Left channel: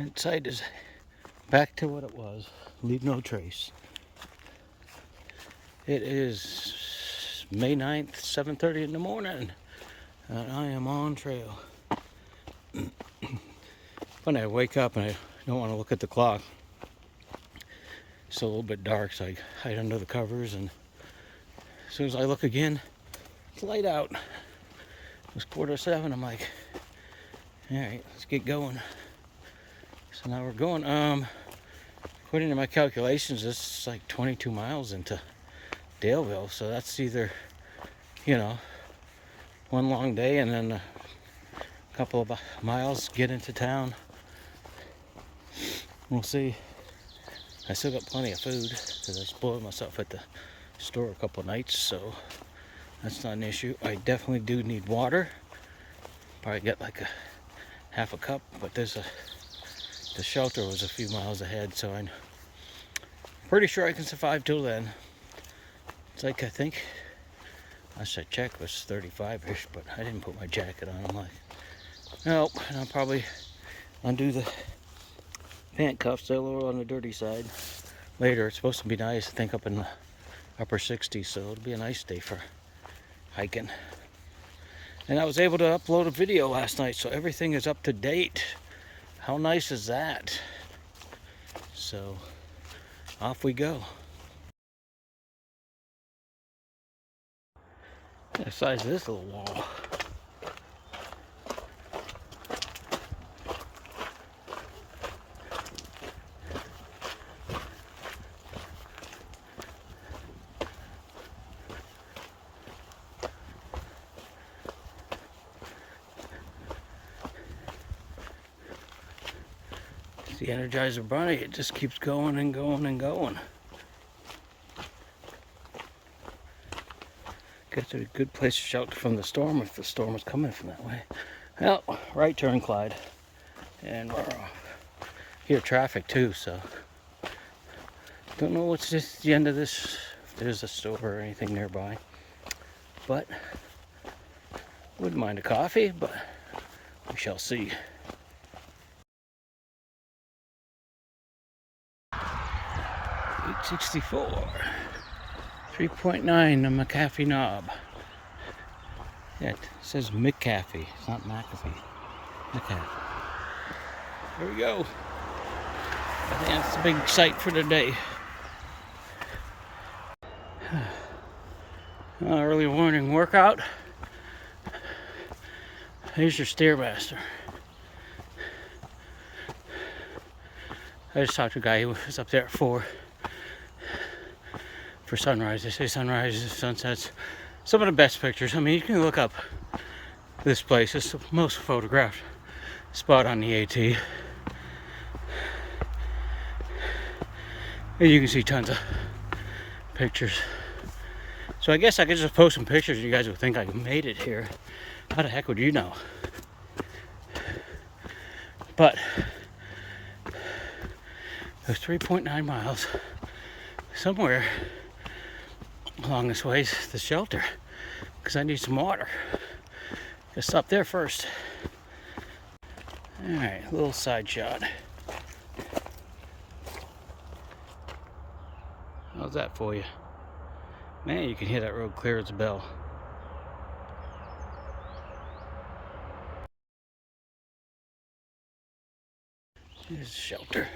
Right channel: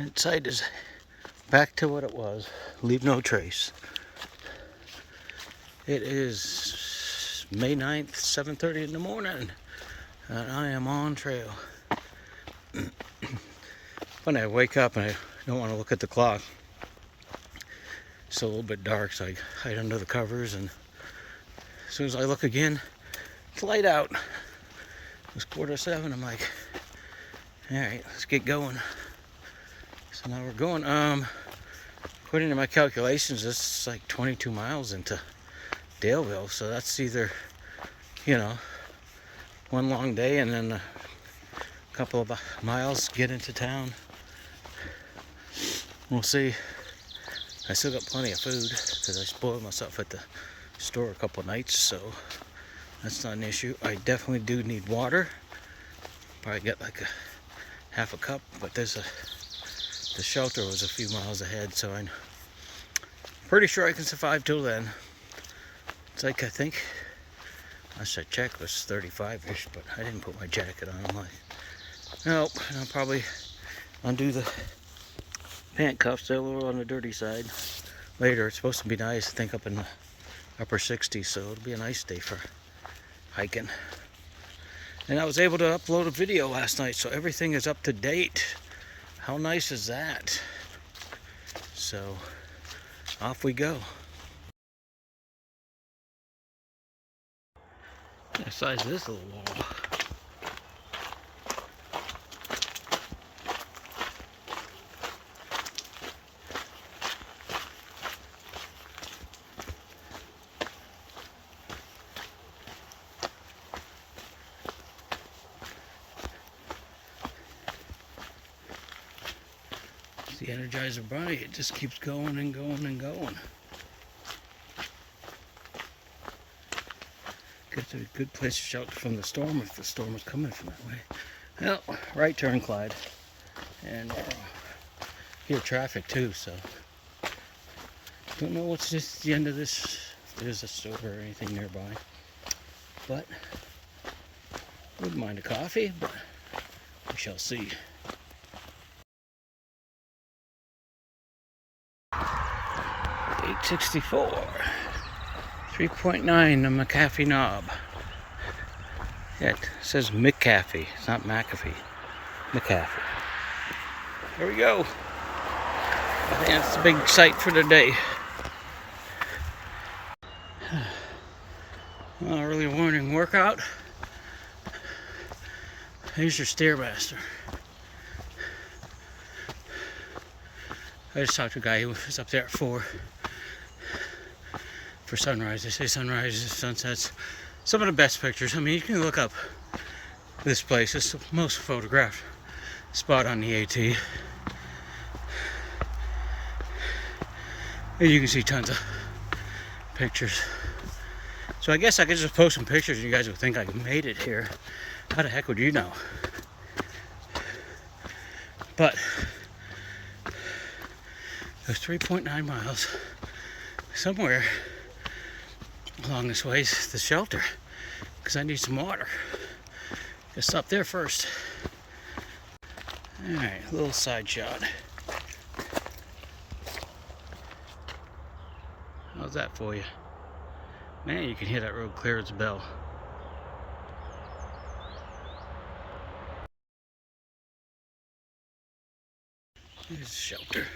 Tent site is back to what it was. Leave no trace. It is May 9th, 7:30 in the morning, and I am on trail. When I wake up and I don't want to look at the clock, it's a little bit dark, so I hide under the covers, and as soon as I look again, it's light out. It was 6:45. I'm like, all right, let's get going. So now we're going. According to my calculations, this is like 22 miles into Daleville, so that's either, one long day and then a couple of miles get into town. We'll see. I still got plenty of food because I spoiled myself at the store a couple of nights, so that's not an issue. I definitely do need water. Probably get like a half a cup, but the shelter was a few miles ahead, so I'm pretty sure I can survive till then. It's like, I think, last I checked was 35-ish, but I didn't put my jacket on. I'm like, nope, I'll probably undo the pant cuffs. They're a little on the dirty side. Later, it's supposed to be nice, I think, up in the upper 60s, so it'll be a nice day for hiking. And I was able to upload a video last night, so everything is up to date. How nice is that? So, off we go. The size of this little wall. The Energizer Bunny, it just keeps going and going and going. Gets a good place to shelter from the storm if the storm is coming from that way. Well, right turn, Clyde. And we're hear traffic too, so don't know what's just the end of this, if there's a store or anything nearby. But wouldn't mind a coffee, but we shall see. 864, 3.9 the McAfee knob. Yeah, it says McAfee, it's not McAfee. McAfee. Here we go. I think that's the big sight for the day. Early morning workout. Here's your Stairmaster. I just talked to a guy who was up there at 4 for sunrise. They say sunrises, sunsets, some of the best pictures. I mean, you can look up this place. It's the most photographed spot on the AT. And you can see tons of pictures. So I guess I could just post some pictures and you guys would think I made it here. How the heck would you know? But the 3.9 miles somewhere along this way is the shelter, because I need some water. Just stop there first. Alright, a little side shot. How's that for you? Man, you can hear that road clear as a bell. Here's the shelter.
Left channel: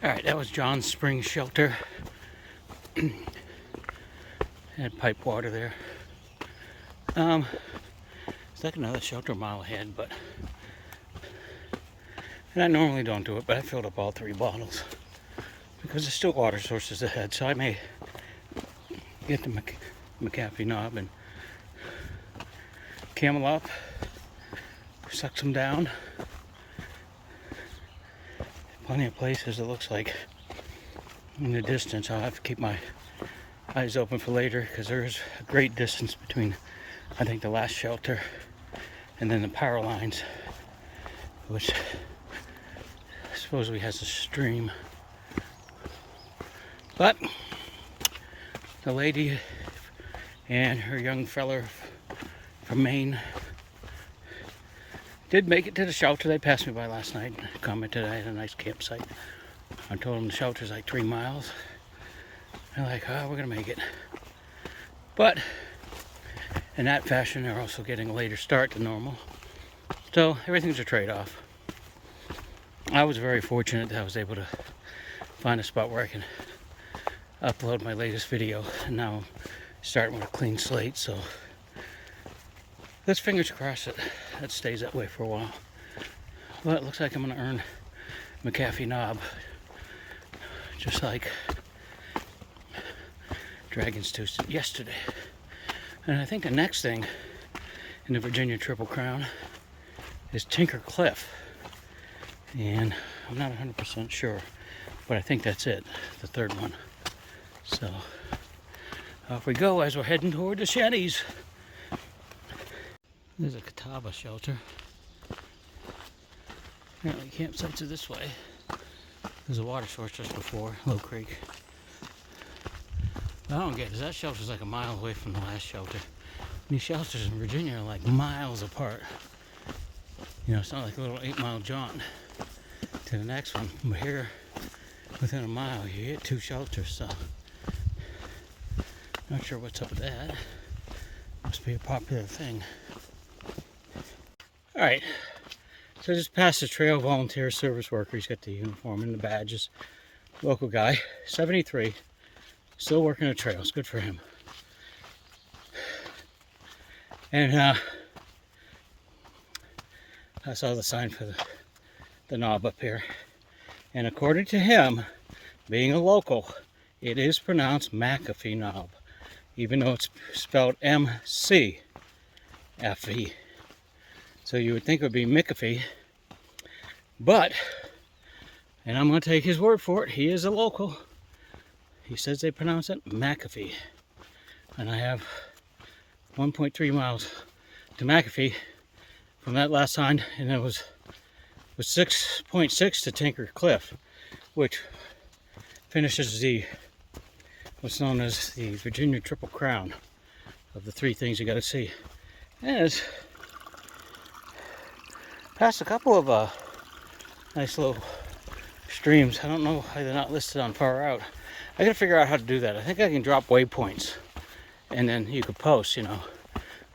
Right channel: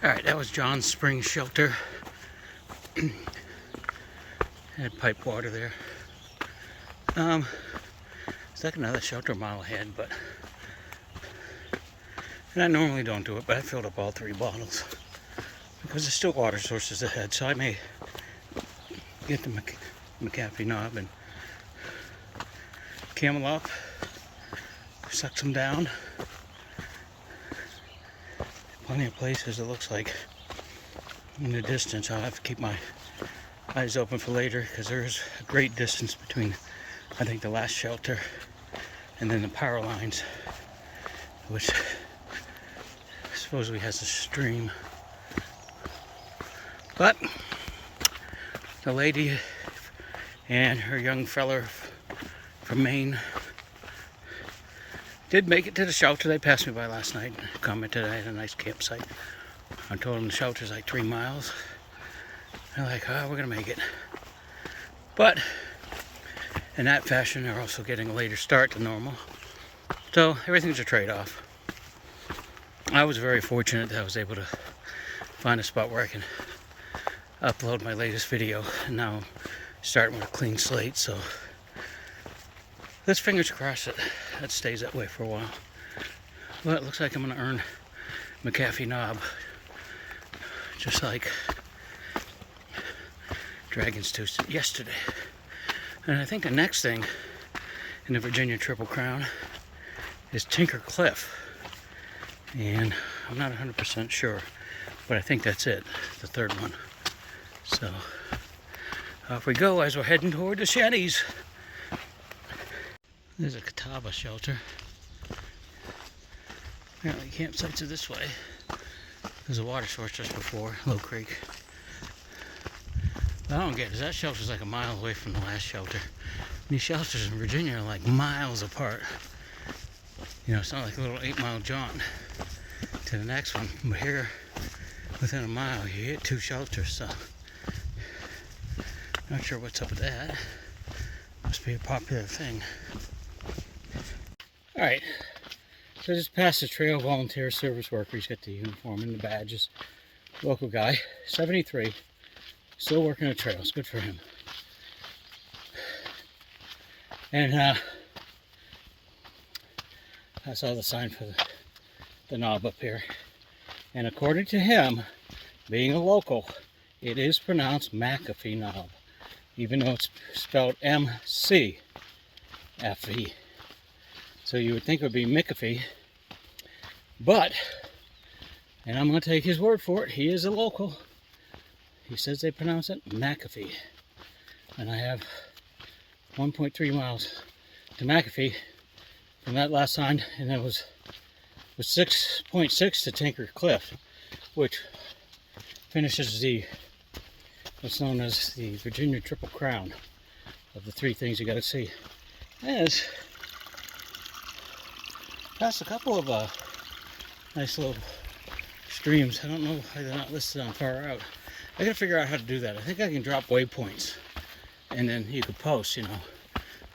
Alright, that was John's Spring Shelter. Had pipe water there. It's like another shelter a mile ahead, but and I normally don't do it, but I filled up all 3 bottles because there's still water sources ahead, so I may get the McAfee knob and camel up, suck some down. Plenty of places, it looks like, in the distance. I'll have to keep my eyes open for later because there's a great distance between, I think, the last shelter and then the power lines, which supposedly has a stream. But the lady and her young fella from Maine. Did make it to the shelter. They passed me by last night. Commented I had a nice campsite. I told them the shelter's like 3 miles. They're like, oh, we're gonna make it. But in that fashion, they're also getting a later start than normal. So everything's a trade-off. I was very fortunate that I was able to find a spot where I can upload my latest video. And now I'm starting with a clean slate, so let's fingers crossed that stays that way for a while. Well, it looks like I'm gonna earn McAfee knob, just like Dragon's Tooth yesterday. And I think the next thing in the Virginia Triple Crown is Tinker Cliff. And I'm not 100% sure, but I think that's it, the third one. So off we go as we're heading toward the shanties. There's a Catawba shelter. Apparently campsites are this way. There's a water source just before, Low Creek. What I don't get is that shelter's like a mile away from the last shelter. These shelters in Virginia are like miles apart. You know, it's not like a little 8-mile jaunt to the next one. But here, within a mile, you get 2 shelters, so not sure what's up with that. Must be a popular thing. Alright, so just past the trail, volunteer service worker. He's got the uniform and the badges. Local guy, 73, still working the trails. Good for him. And I saw the sign for the knob up here. And according to him, being a local, it is pronounced McAfee knob, even though it's spelled M-C-F-E. So you would think it would be McAfee, but, and I'm going to take his word for it, he is a local. He says they pronounce it McAfee. And I have 1.3 miles to McAfee from that last sign, and it was 6.6 to Tinker Cliff, which finishes the what's known as the Virginia Triple Crown of the 3 things you got to see. As past a couple of nice little streams. I don't know why they're not listed on far out. I gotta figure out how to do that. I think I can drop waypoints, and then you could post, you know,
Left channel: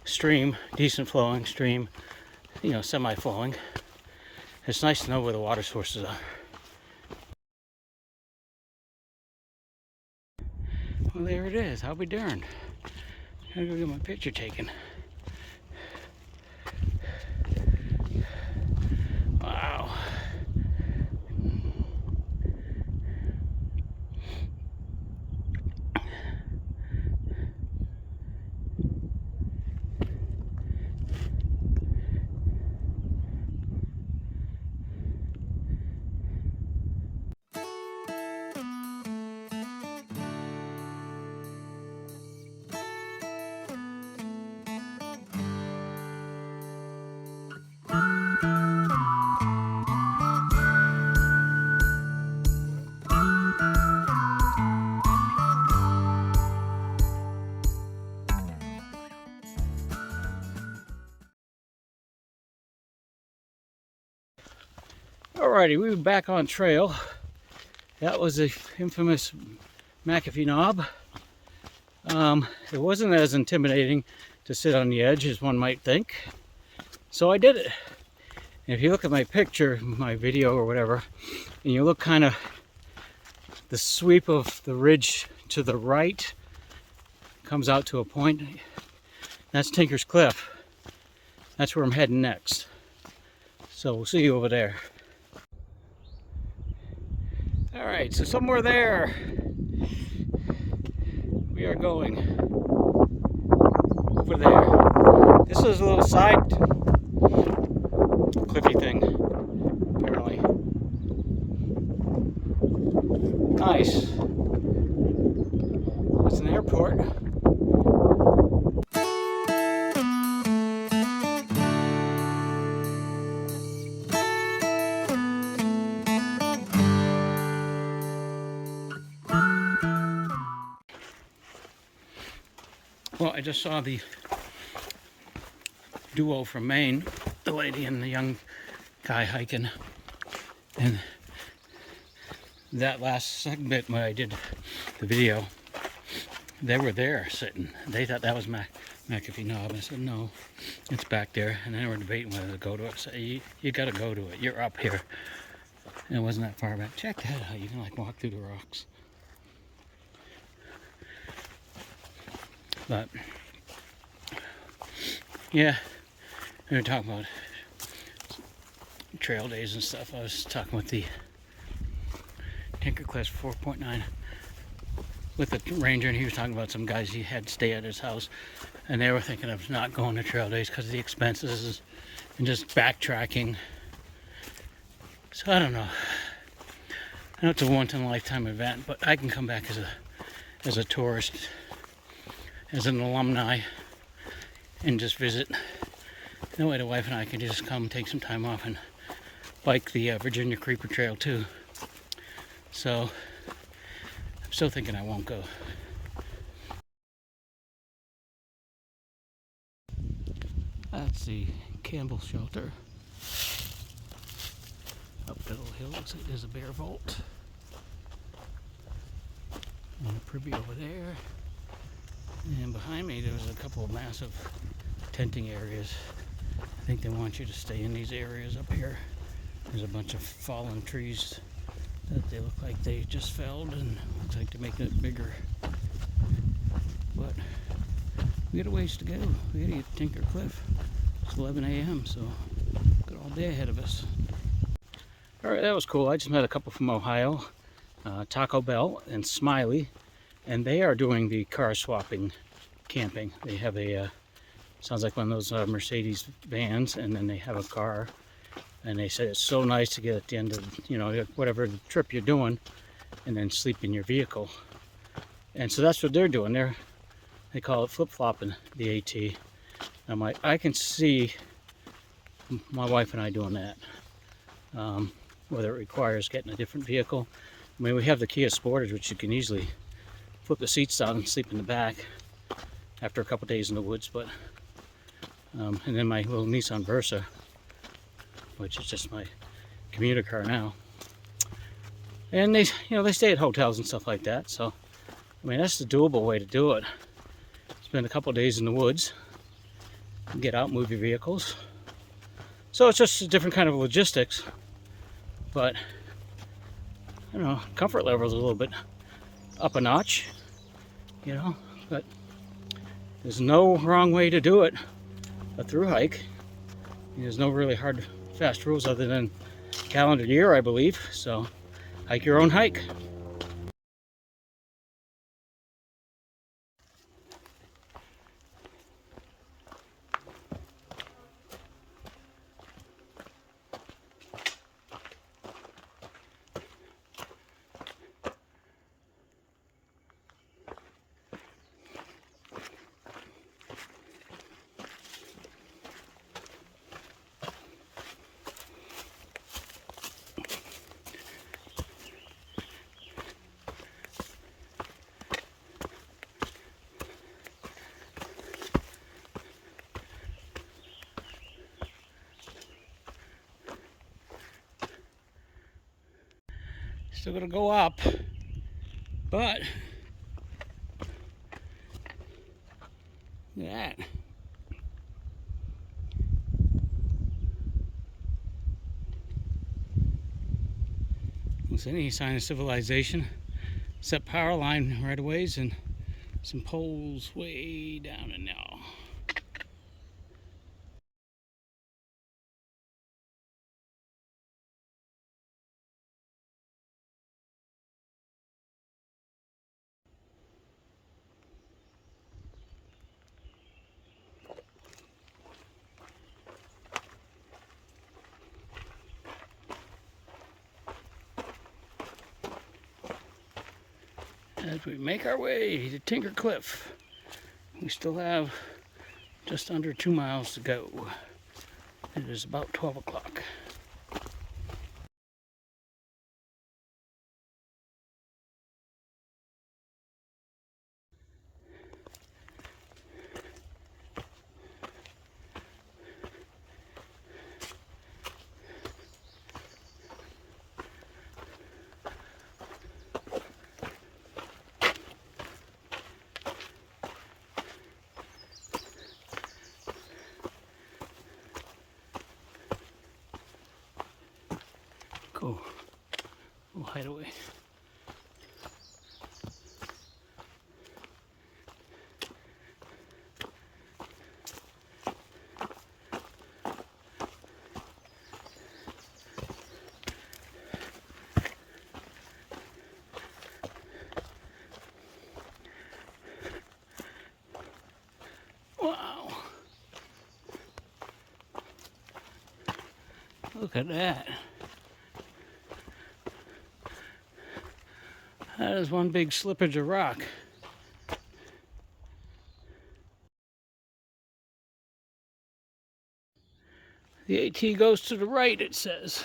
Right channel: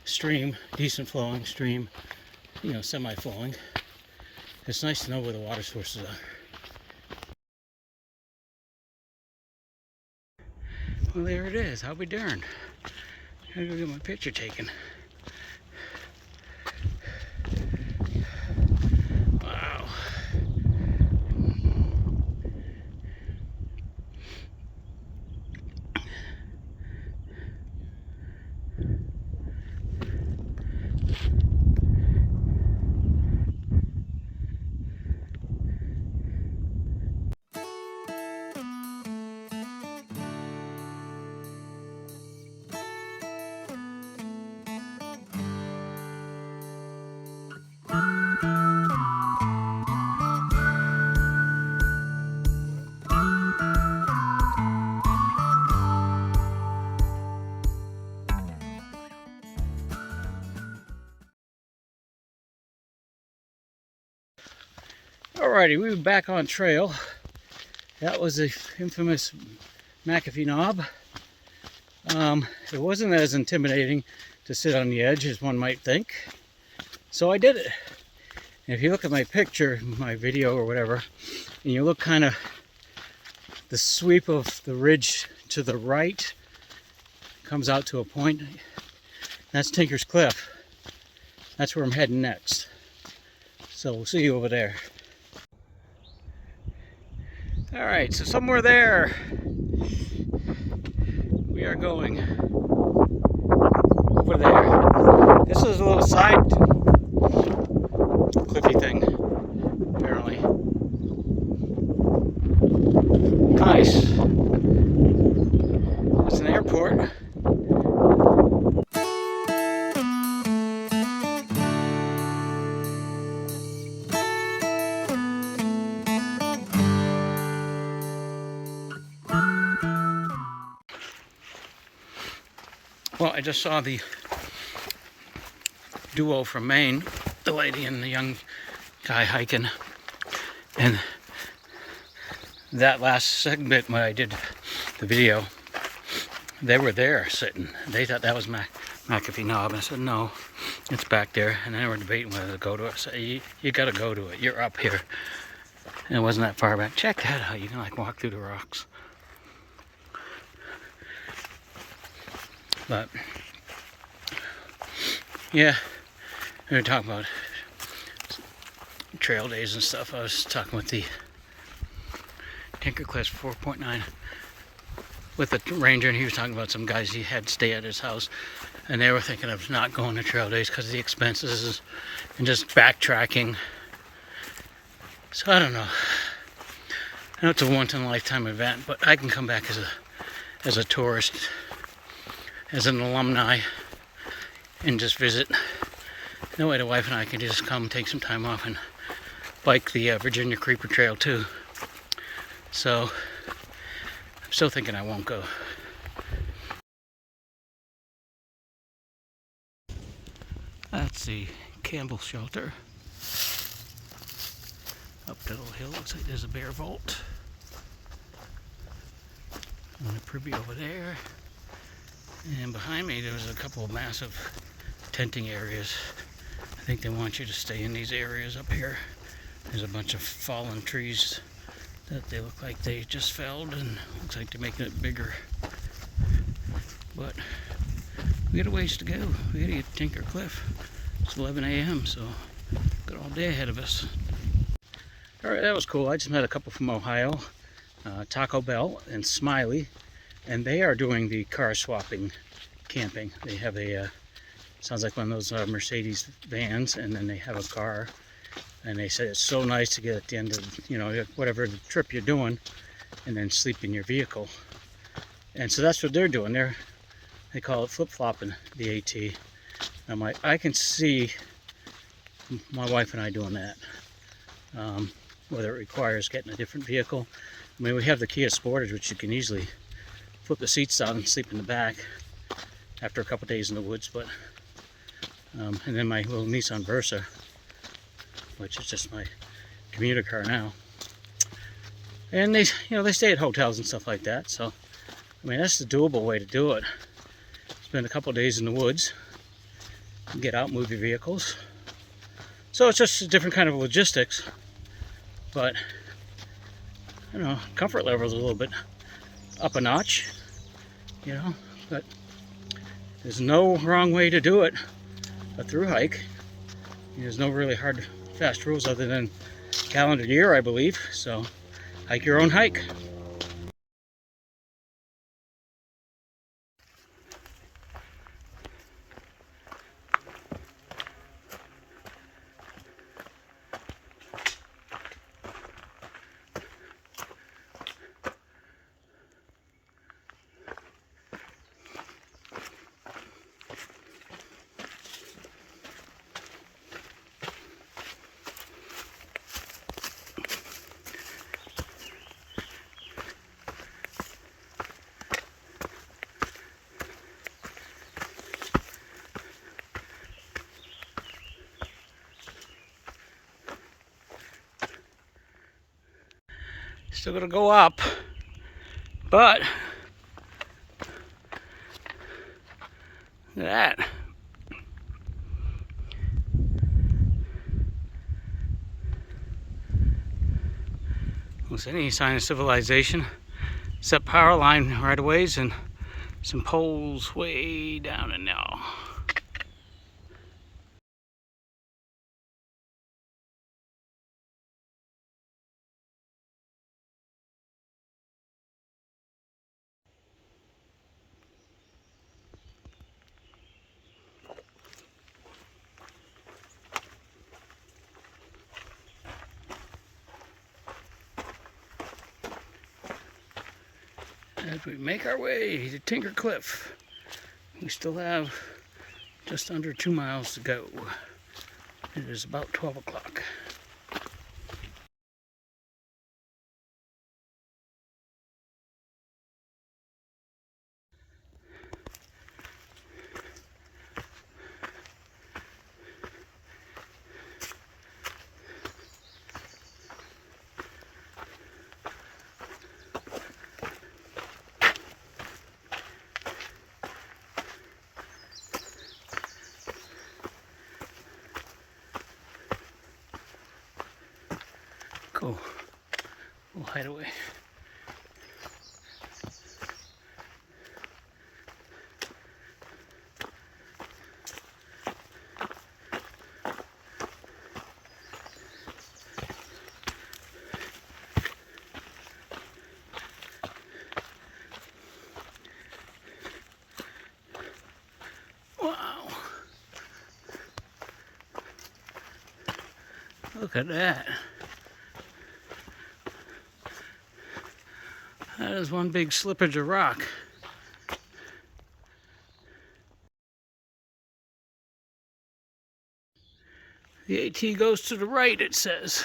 stream, decent flowing, stream, you know, semi-flowing. It's nice to know where the water sources are. Well, there it is. I'll be darned. I gotta go get my picture taken. Wow. Alrighty, we were back on trail. That was the infamous McAfee knob. It wasn't as intimidating to sit on the edge as one might think. So I did it. And if you look at my picture, my video or whatever, and you look kind of the sweep of the ridge to the right comes out to a point. That's Tinker's Cliff. That's where I'm heading next. So we'll see you over there. Alright, so somewhere there we are going. Over there. This is a little side cliffy thing, apparently. Nice. It's an airport. Well, I just saw the duo from Maine, the lady and the young guy hiking. And that last segment when I did the video, they were there sitting. They thought that was McAfee Knob. And I said, no, it's back there. And they were debating whether to go to it. I said, you got to go to it. You're up here. And it wasn't that far back. Check that out. You can like walk through the rocks. But yeah, we were talking about trail days and stuff. I was talking with the Tinker Cliffs 4.9 with the ranger, and he was talking about some guys he had stay at his house, and they were thinking of not going to trail days because of the expenses and just backtracking. So I don't know. I know it's a once-in-a-lifetime event, but I can come back as a tourist, as an alumni, and just visit. That way the wife and I can just come take some time off and bike the Virginia Creeper Trail too. So I'm still thinking I won't go. That's the Campbell Shelter. Up the little hill, looks like there's a bear vault. And a privy over there. And behind me there's a couple of massive tenting areas. I think they want you to stay in these areas up here. There's a bunch of fallen trees that they look like they just felled, and looks like they're making it bigger. But we got a ways to go. We gotta get to Tinker Cliff. It's 11 a.m. so got all day ahead of us. Alright, that was cool. I just met a couple from Ohio, Taco Bell and Smiley, and they are doing the car swapping camping. They have a sounds like one of those Mercedes vans, and then they have a car. And they said it's so nice to get at the end of, you know, whatever the trip you're doing, and then sleep in your vehicle. And so that's what they're doing. They call it flip-flopping the AT. I'm like, I can see my wife and I doing that. Whether it requires getting a different vehicle. I mean, we have the Kia Sportage, which you can easily flip the seats down and sleep in the back after a couple days in the woods. But and then my little Nissan Versa, which is just my commuter car now. And they stay at hotels and stuff like that. So, I mean, that's the doable way to do it. Spend a couple days in the woods, get out, move your vehicles. So it's just a different kind of logistics, but I don't know, comfort level is a little bit up a notch, you know. But there's no wrong way to do it. A through hike. There's no really hard, fast rules other than calendar year, I believe. So, hike your own hike. Still gonna go up, but look at that. Don't see any sign of civilization except power line right of ways and some poles way down in there. As we make our way to Tinker Cliff, we still have just under 2 miles to go. It is about 12 o'clock. cool. Little hideaway. Wow. Look at that. That is one big slippage of rock. The AT goes to the right, it says.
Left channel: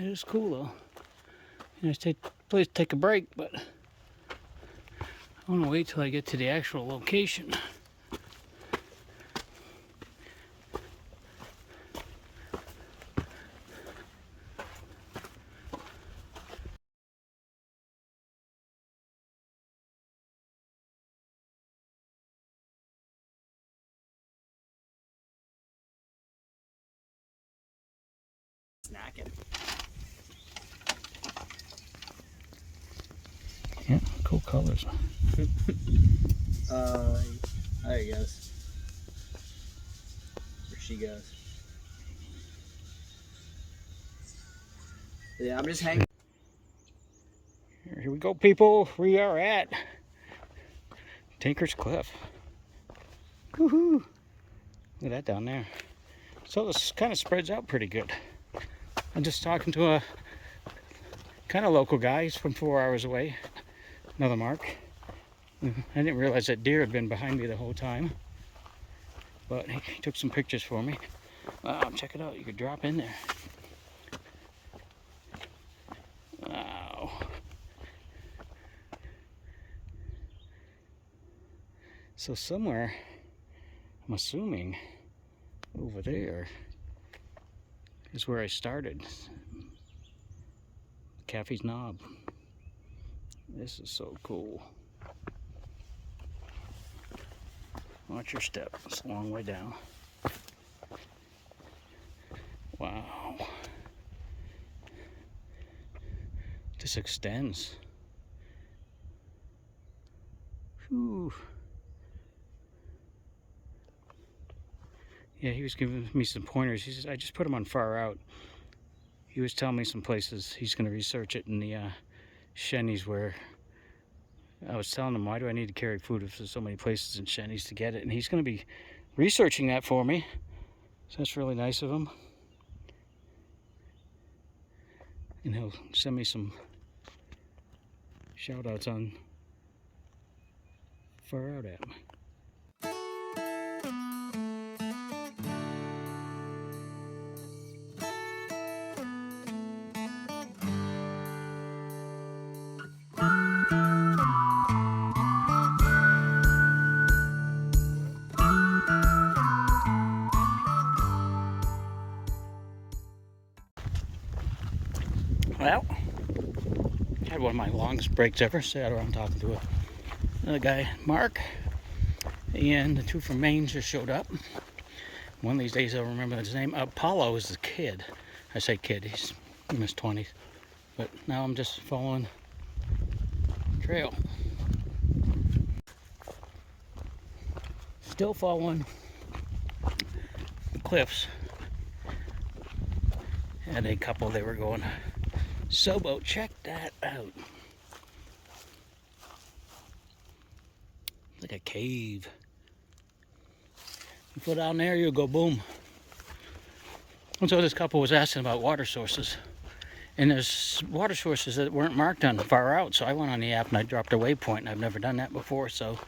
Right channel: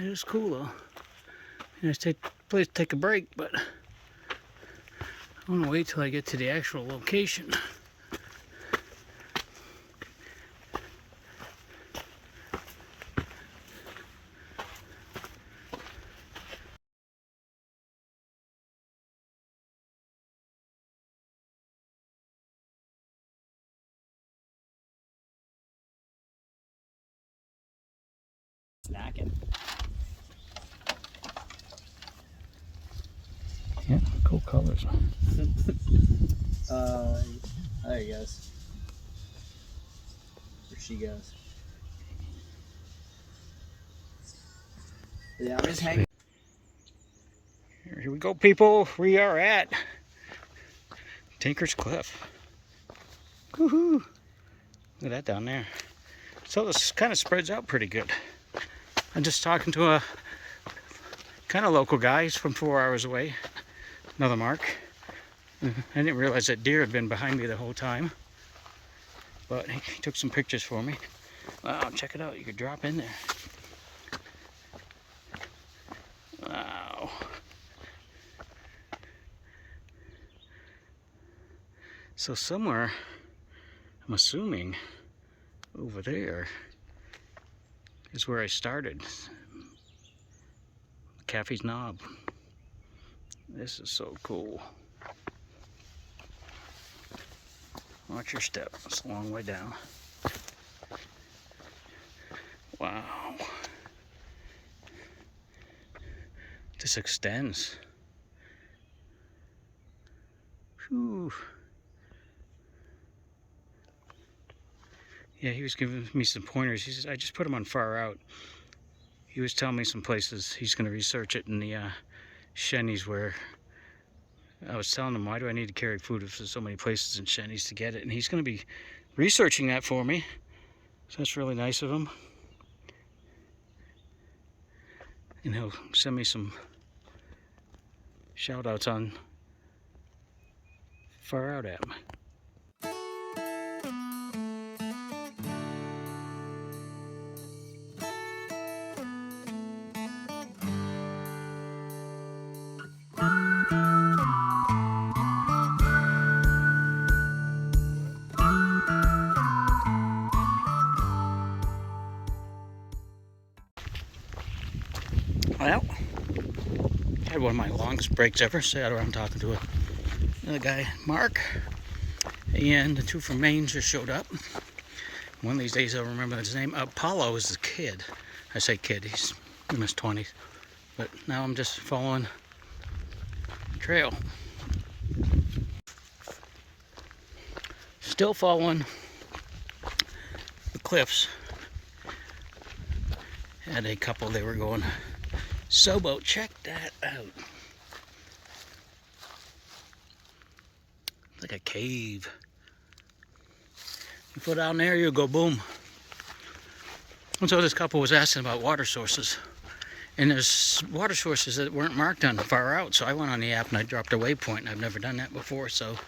It is cool though. Nice place to take a break, but I want to wait till I get to the actual location. Snacking. Yeah, cool colors. There he goes. Or she goes. Yeah, I'm just hanging. Here we go, people. We are at Tinker's Cliff. Woohoo! Look at that down there. So this kind of spreads out pretty good. I'm just talking to a kind of local guy. He's from 4 hours away. Another Mark. I didn't realize that deer had been behind me the whole time. But he took some pictures for me. Wow, check it out. You could drop in there. Wow. So somewhere, I'm assuming, over there is where I started. Caffey's Knob. This is so cool. Watch your step. It's a long way down. Wow. This extends. Whew. Yeah, he was giving me some pointers. He says, I just put him on far out. He was telling me some places he's going to research it in the Shennies where I was telling him, why do I need to carry food if there's so many places in Shennies to get it? And he's going to be researching that for me. So that's really nice of him. And he'll send me some shout outs on Far Out app. Well, I had one of my longest breaks ever. Sat around talking to another guy, Mark, and the two from Maine just showed up. One of these days I'll remember his name. Apollo is the kid. I say kid, he's in his 20s. But now I'm just following the trail. Still following the cliffs. Had a couple, they were going Sobo, check that out. It's like a cave. You go down there, you'll go boom. And so this couple was asking about water sources. And there's water sources that weren't marked on Far Out. So I went on the app and I dropped a waypoint, and I've never done that before. So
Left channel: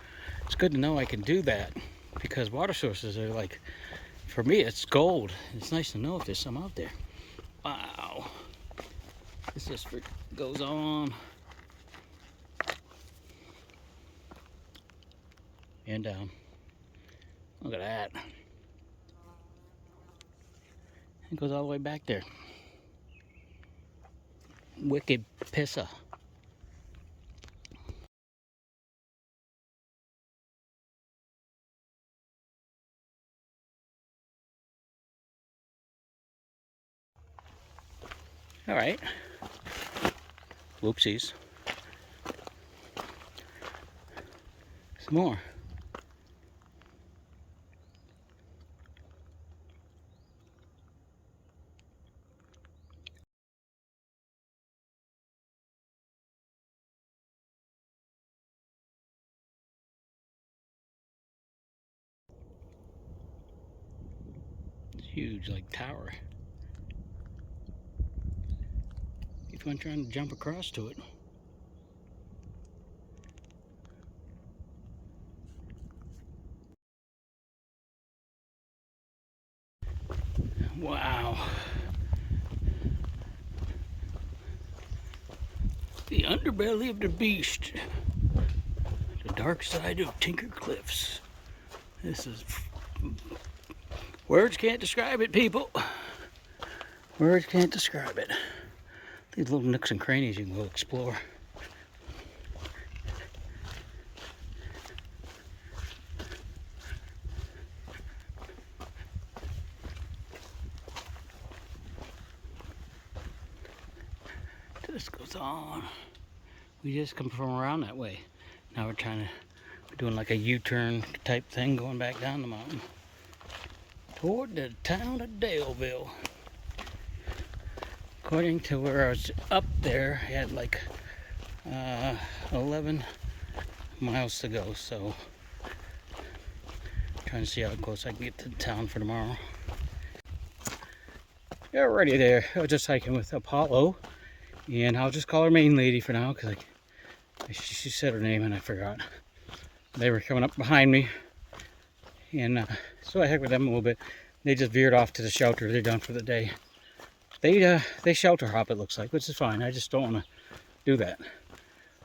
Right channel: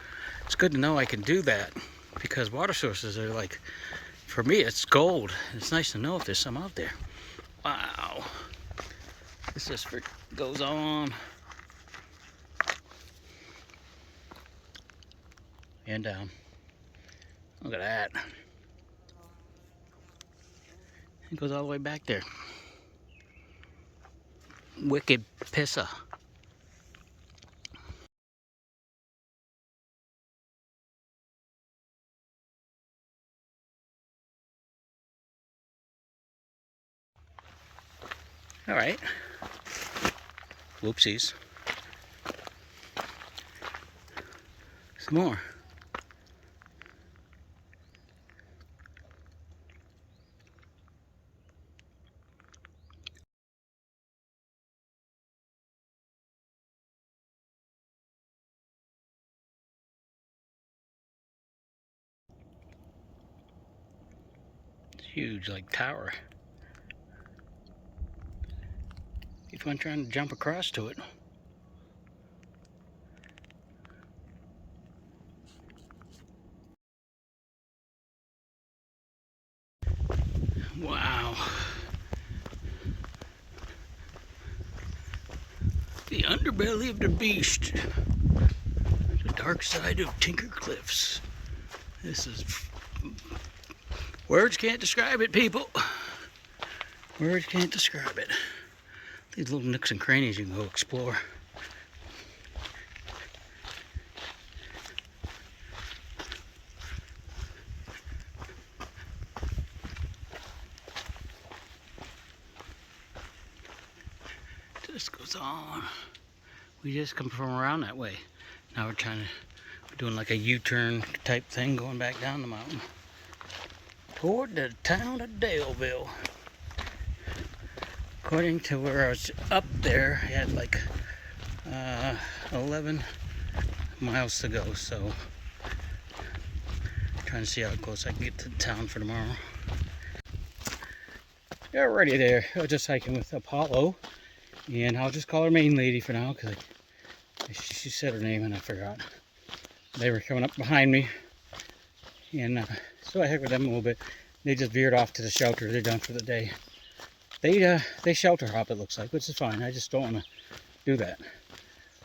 it's good to know I can do that, because water sources are like, for me, it's gold. It's nice to know if there's some out there. Wow. This just goes on and down. Look at that. It goes all the way back there. Wicked pissa. All right. Whoopsies. Some more. It's huge, like tower. Keep on trying to jump across to it. Wow. The underbelly of the beast. The dark side of Tinker Cliffs. This is... Words can't describe it, people. Words can't describe it. These little nooks and crannies you can go explore. Just goes on. We just come from around that way. Now we're doing like a U-turn type thing going back down the mountain toward the town of Daleville. According to where I was up there, I had like 11 miles to go, so trying to see how close I can get to the town for tomorrow. Yeah, already there. I was just hiking with Apollo, and I'll just call her main lady for now because she said her name and I forgot. They were coming up behind me, and so I hiked with them a little bit. They just veered off to the shelter. They're done for the day. They shelter hop, it looks like, which is fine. I just don't want to do that.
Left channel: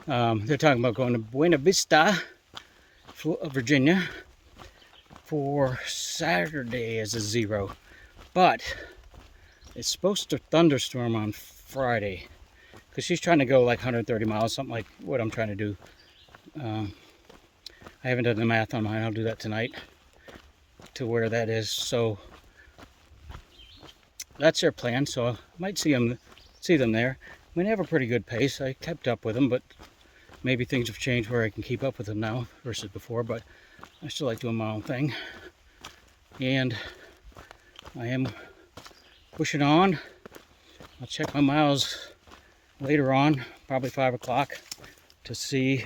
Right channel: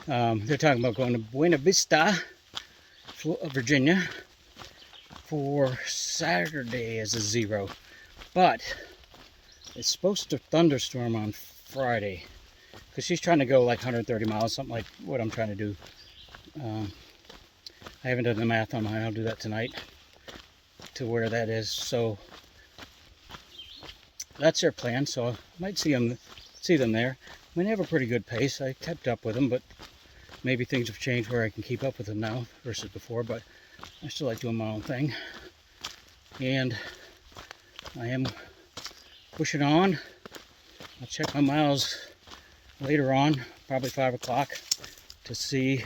They're talking about going to Buena Vista, Virginia, for Saturday as a 0, but it's supposed to thunderstorm on Friday because she's trying to go like 130 miles, something like what I'm trying to do. I haven't done the math on mine. I'll do that tonight to where that is. So that's their plan. So I might see them there. I mean, they have a pretty good pace. I kept up with them, but maybe things have changed where I can keep up with them now versus before. But I still like doing my own thing, and I am pushing on. I'll check my miles later on, probably 5 o'clock, to see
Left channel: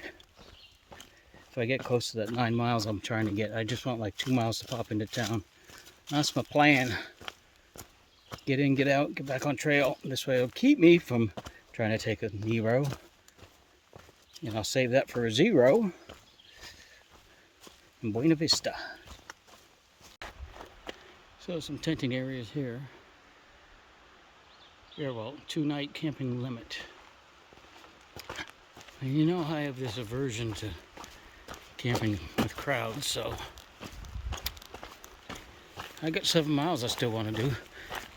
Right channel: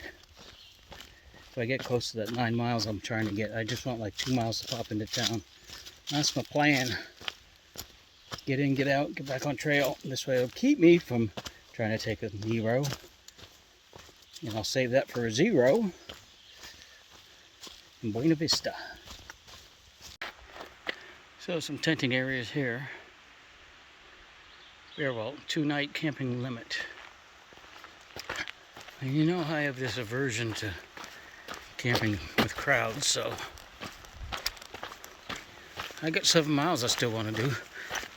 if I get close to that 9 miles I'm trying to get. I just want like 2 miles to pop into town. That's my plan. Get in, get out, get back on trail. This way it'll keep me from trying to take a 0. And I'll save that for a 0 in Buena Vista. So some tenting areas here. Fairwell, 2-night camping limit. And you know I have this aversion to camping with crowds, so I got 7 miles I still want to do,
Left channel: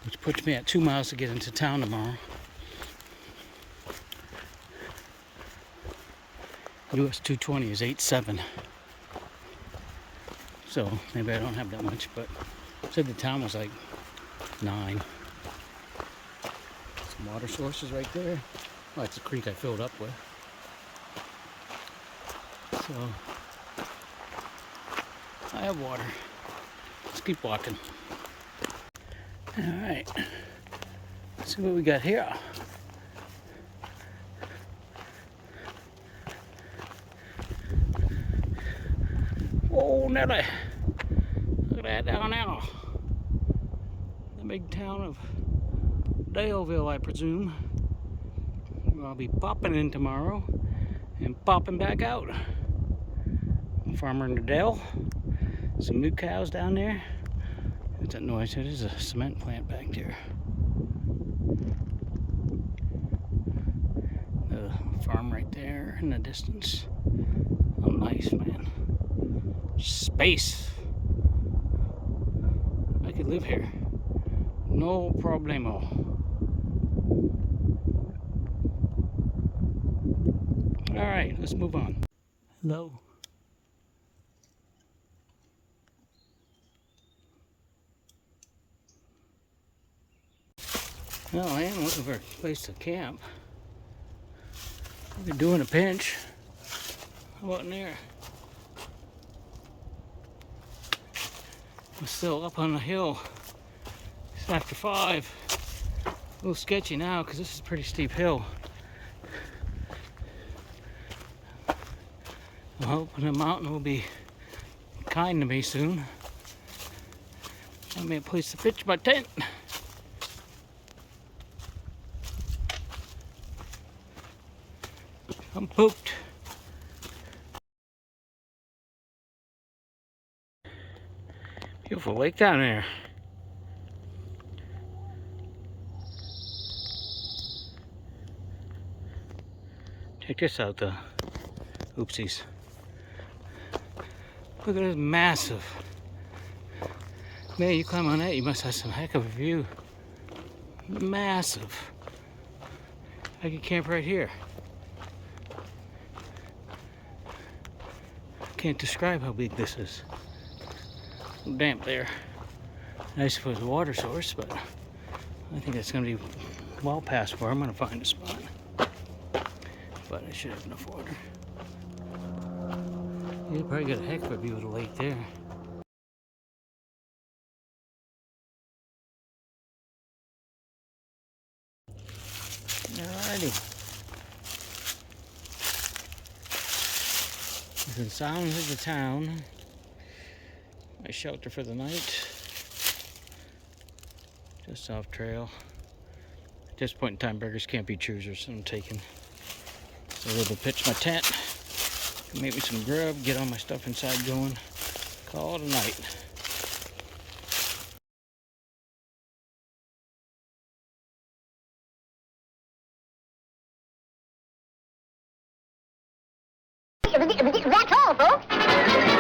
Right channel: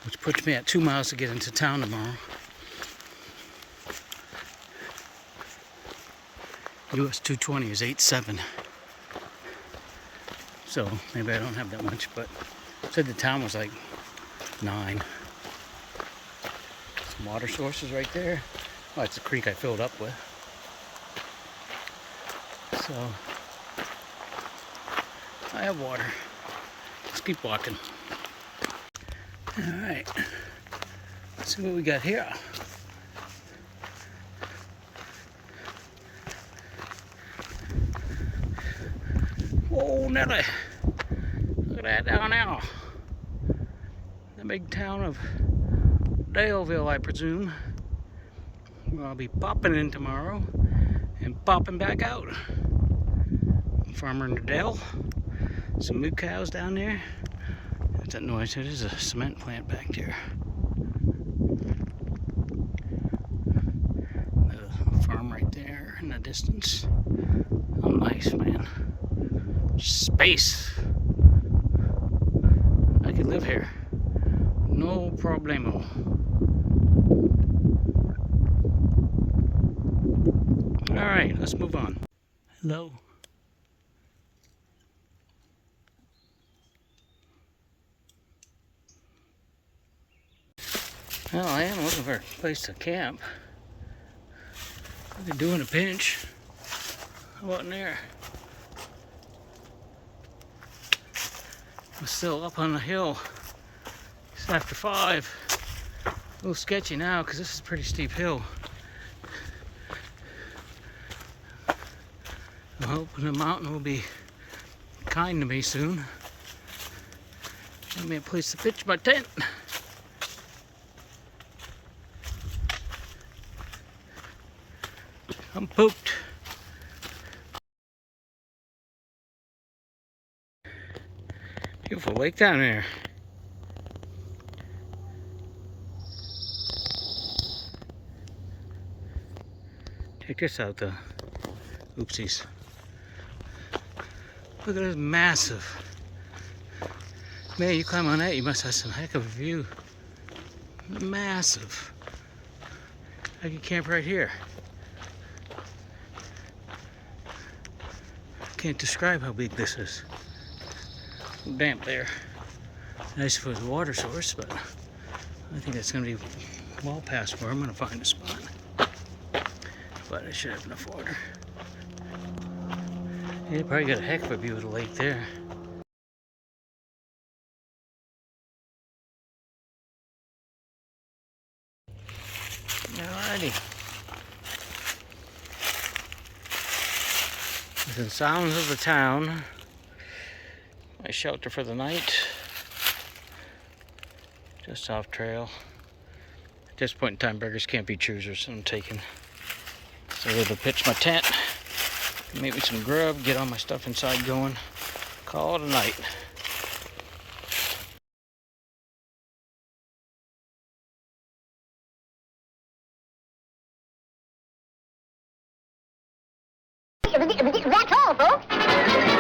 which puts me at 2 miles to get into town tomorrow. US 220 is 8.7, so maybe I don't have that much, but said the town was like 9. Some water sources right there. Oh, it's a creek I filled up with. So I have water. Let's keep walking. Alright. Let's see what we got here. Whoa, Nelly. Look at that down there. The big town of Daleville, I presume. Where I'll be popping in tomorrow and popping back out. Farmer in the dell. Some moo cows down there. What's that noise? It is a cement plant back there. The farm right there in the distance. Oh, nice, man. Space. I could live here. No problemo. All right, let's move on. Hello. Well, I am looking for a place to camp. I could do in a pinch. How about in there? I'm still up on the hill. It's after 5. A little sketchy now because this is a pretty steep hill. I'm hoping the mountain will be kind to me soon. Give me a place to pitch my tent. I'm pooped. Beautiful lake down there. Check this out though. Oopsies. Look at this massive. Man, you climb on that, you must have some heck of a view. Massive. I could camp right here. Can't describe how big this is. A little damp there. Nice for the water source, but I think it's gonna be well past where I'm gonna find a spot. But I should have enough water. You probably got a heck of a view of the lake there. Alrighty. Within sounds of the town. My shelter for the night. Just off trail. At this point in time, beggars can't be choosers, so I'm taking. So I'm gonna pitch my tent, make me some grub, get all my stuff inside going, call it a night. That's all, folks.